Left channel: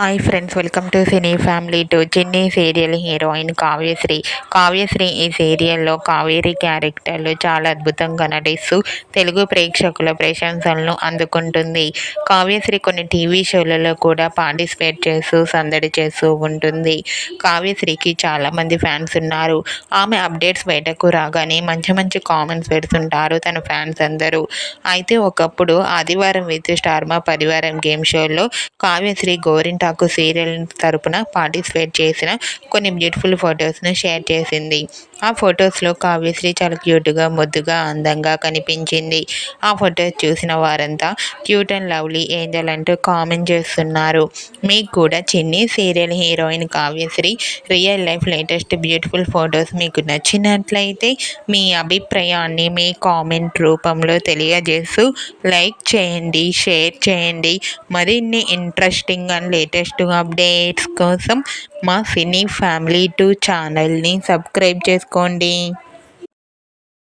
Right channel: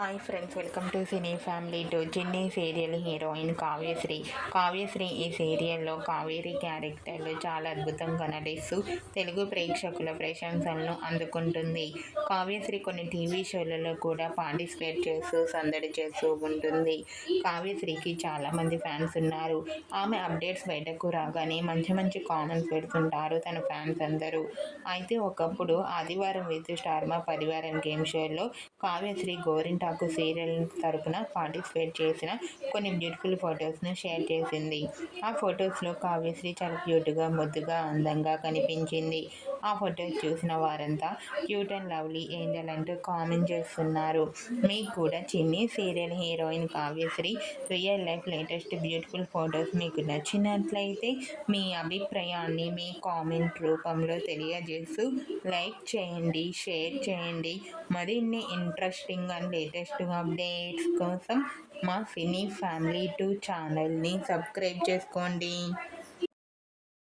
Hi friends, welcome to cine family to. చిన్ని serial heroine Kavyasri ఈ సీరియల్లో కావేరి క్యారెక్టర్లో చాలా అద్భుతంగా నటిస్తూ తెలుగు ప్రేక్షకుల ప్రశంసలను అందుకుంటుంది. కావ్యశ్రీ కొన్ని టీవీ షోలలో కూడా పార్టిసిపేట్ చేస్తూ సందడి చేస్తూ ఉంటుంది. కావ్యశ్రీకి చాలామంది ఫ్యాన్స్ ఉన్నారు. ఆమె అప్డేట్స్ బయటకు రాగానే మంచి మంచి కామెంట్స్ పెడుతుంటారు తన ఫ్యాన్స్ అందరూ. అయితే ఒకప్పుడు ఆదివారం విత్ స్టార్మా పరివారం గేమ్ షోలో కావ్యశ్రీ గోరింటాకు సీరియల్ తరపున పార్టిసిపేట్ చేసిన కొన్ని బ్యూటిఫుల్ ఫొటోస్ను షేర్ చేసింది. ఆ ఫొటోస్లో కావ్యశ్రీ చాలా క్యూట్గా, ముద్దుగా, అందంగా కనిపించింది. ఆ ఫొటోస్ చూసిన వారంతా క్యూట్ అండ్ లవ్లీ ఏంజల్ అంటూ కామెంట్ చేస్తున్నారు. మీకు కూడా చిన్ని serial heroine Kavyasri real life latest beautiful photos మీకు నచ్చినట్లయితే మీ అభిప్రాయాన్ని మీ కామెంట్ రూపంలో తెలియజేస్తూ లైక్ చేయండి, షేర్ చేయండి. మరిన్ని ఇంట్రెస్టింగ్ అండ్ లేటెస్ట్ అప్డేట్స్ కోసం మా సినీ ఫ్యామిలీ 2 ఛానల్ని సబ్స్క్రైబ్ చేసుకోండి.